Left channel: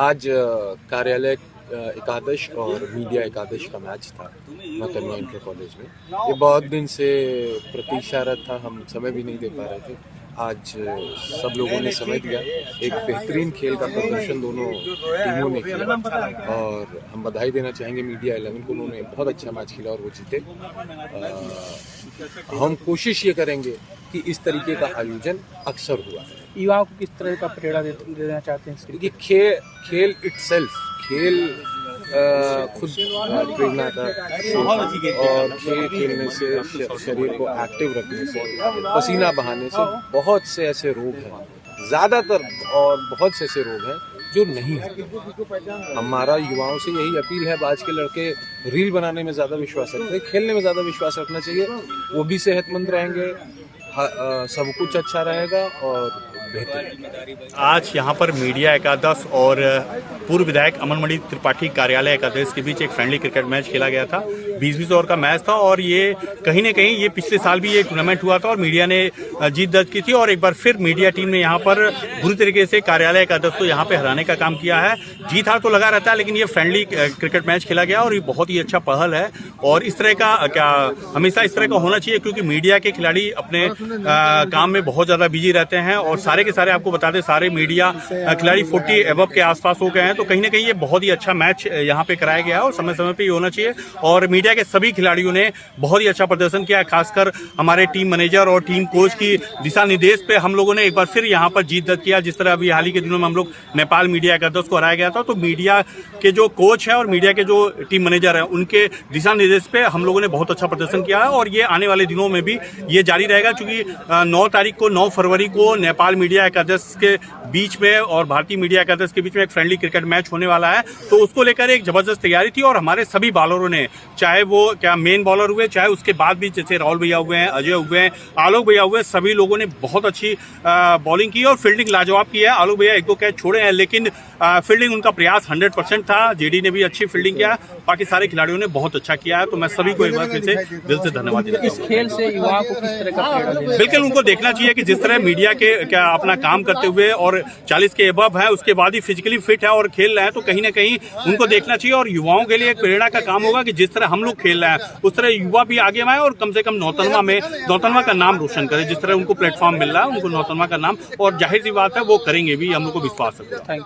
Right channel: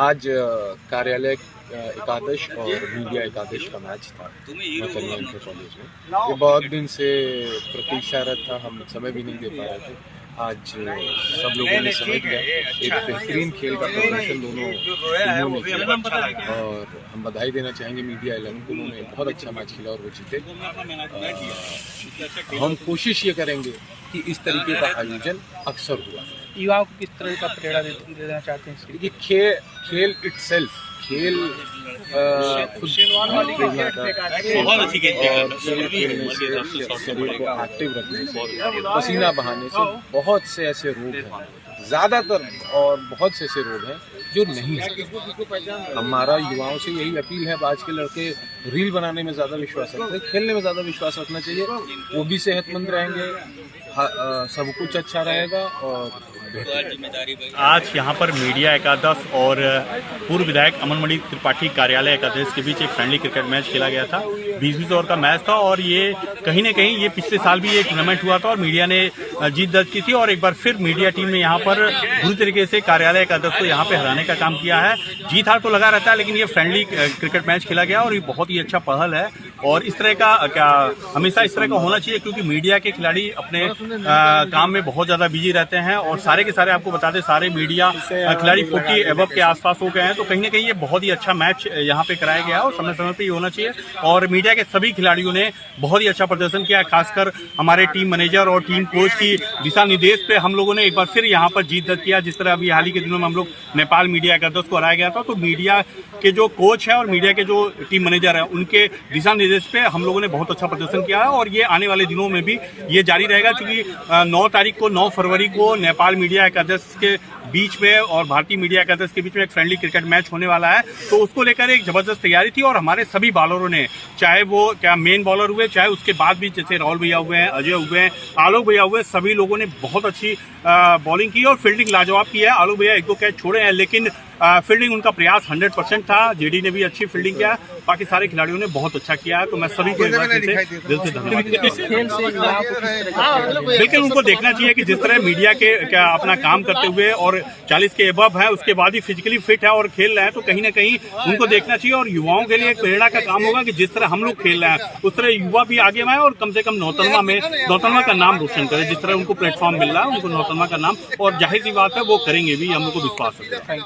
आज कार्यालय एकादश और मीडिया एकादश का मैच था कन्या इंटर कॉलेज में। ये बहुत दिन से प्रतीक्षारत था, हम समय भी नहीं दे पा रहे थे। आज सब लोगों ने समय दिया, एक बेहतरीन खेल का प्रदर्शन दोनों टीमों ने किया और हम बधाई देना चाहेंगे मीडिया 11 को। उन्होंने बहुत अच्छा मैच खेला और वो जीते। हम कोशिश ये करेंगे कि इस तरीके का आयोजन अक्सर हुआ। युवाओं को किस तरह का प्रेरणा देना चाहते हैं? देखिए, खेल इटसेल्फ, खेल खुद प्रेरणा का और खेल खेलने से, शरीर को एक्टिव रखने से, पसीना बहाने से बहुत से ऐसे रोग हैं, ज़्यादातर और बहुत से ऐसे रोग हैं जो नहीं है। हमारा युवाओं से यही अपील है। आज के लड़के रील बनाने में ज़्यादा विश्वास रखते हैं, खेलने में ज़्यादा विश्वास रखना चाहिए। वो भी सेहतमंद रहेंगे, सब कुछ अच्छा रहेगा और आज यहाँ पर मीडिया एकादश और पूर्व विधायक अमनमणि त्रिपाठी कार्यालय एकादश के बीच एक फ्रेंडली क्रिकेट मैच खेला गया था। 20-20 ओवर का मैच था और ये कहीं न कहीं ये पिछले साल भी ये टूर्नामेंट हुआ था और मीडिया ने जीत दर्ज की थी और एक बार फिर मीडिया टीम ने यहाँ पर बुरी तरीके से कार्यालय एकादश को यहाँ पे हराने का काम किया है। जीत हार तो लगा रहता है, लेकिन ये फ्रेंडली क्रिकेट मैच खेला गया और ये बहुत ही अच्छा पहल है और इस तरह का हमेशा इस तरह का होना चाहिए, क्योंकि मीडिया के खिलाड़ी अपने काम में बहुत ज्यादा बिजी रहते हैं और सारे के सारे आपको बता दें, सारे मीडिया खिलाड़ी 40 एबव के आसपास हो गए हैं। तो कहीं ना कहीं ये बहुत ही अच्छा मैच यहाँ पे कराया गया है और समय समय पे ये होना चाहिए और मीडिया के सभी खिलाड़ियों ने बहुत ही अच्छा प्रदर्शन किया। खासकर हमारे टीम मैनेजर और टीम कोच की दिशा निर्देश पे हम लोगों ने एक बार फिर यहाँ पर जीत दर्ज किया। जिस तरह अभी हाल ही के दिनों में हम लोग नेपाल मीडिया एकादश को हराया गया था, तो मीडिया के जो कोच है और मीडिया के जो टीम मैनेजर है, उनके दिशा निर्देश पे हम लोगों ने बहुत अच्छा प्रदर्शन किया है और ये आने वाले दिनों में भी ये जारी रहेगा, क्योंकि 9 फरवरी को नेपाल मीडिया एकादश के बीच में और भारतीय मीडिया एकादश के बीच में एक फ्रेंडली क्रिकेट मैच होने वाला है। तो उसको लेकर एक जबरदस्त तैयारी थी और हमारे सभी बॉलरों ने, चाहे वो मेन बॉलर हुए, चाहे उसके बाद भी जैसे राहुल भैया हुए हैं, अजय हुए हैं, आलोक भैया हुए, सभी लोगों ने बहुत अच्छी बॉलिंग की और फील्डिंग लाजवाब की है। आलोक भैया 1-2 कैच छोड़े हैं, लेकिन फील्डिंग उनका प्रयास 100% था। जेडी ने भी अच्छी फील्डिंग किया, बाकी सारे खिलाड़ियों ने बहुत अच्छा किया है। तो मैं सभी को एक बार फिर से दिल से धन्यवाद देता हूं। बिल्कुल उनको देखना चाहिए कि जिस तरह मीडिया के अपना काम करते हुए और 40 के एबव है, उसके बाद ही फिजिकली फिट है और खेल रहे हैं, तो कहीं ना कहीं उनको देखना चाहिए और युवाओं के लिए एक प्रेरणा का काम होगा कि जिस तरह हम लोग खेल रहे हैं उस तरह युवा भी आगे आए और कम से कम नौतनवा का नाम रोशन करे। जिस तरह उनको प्लेटफॉर्म मिल रहा है, उनको नौतनवा का नाम, और जाहिर सी बात है वो करेंगे भी, हम लोग को विश्वास है।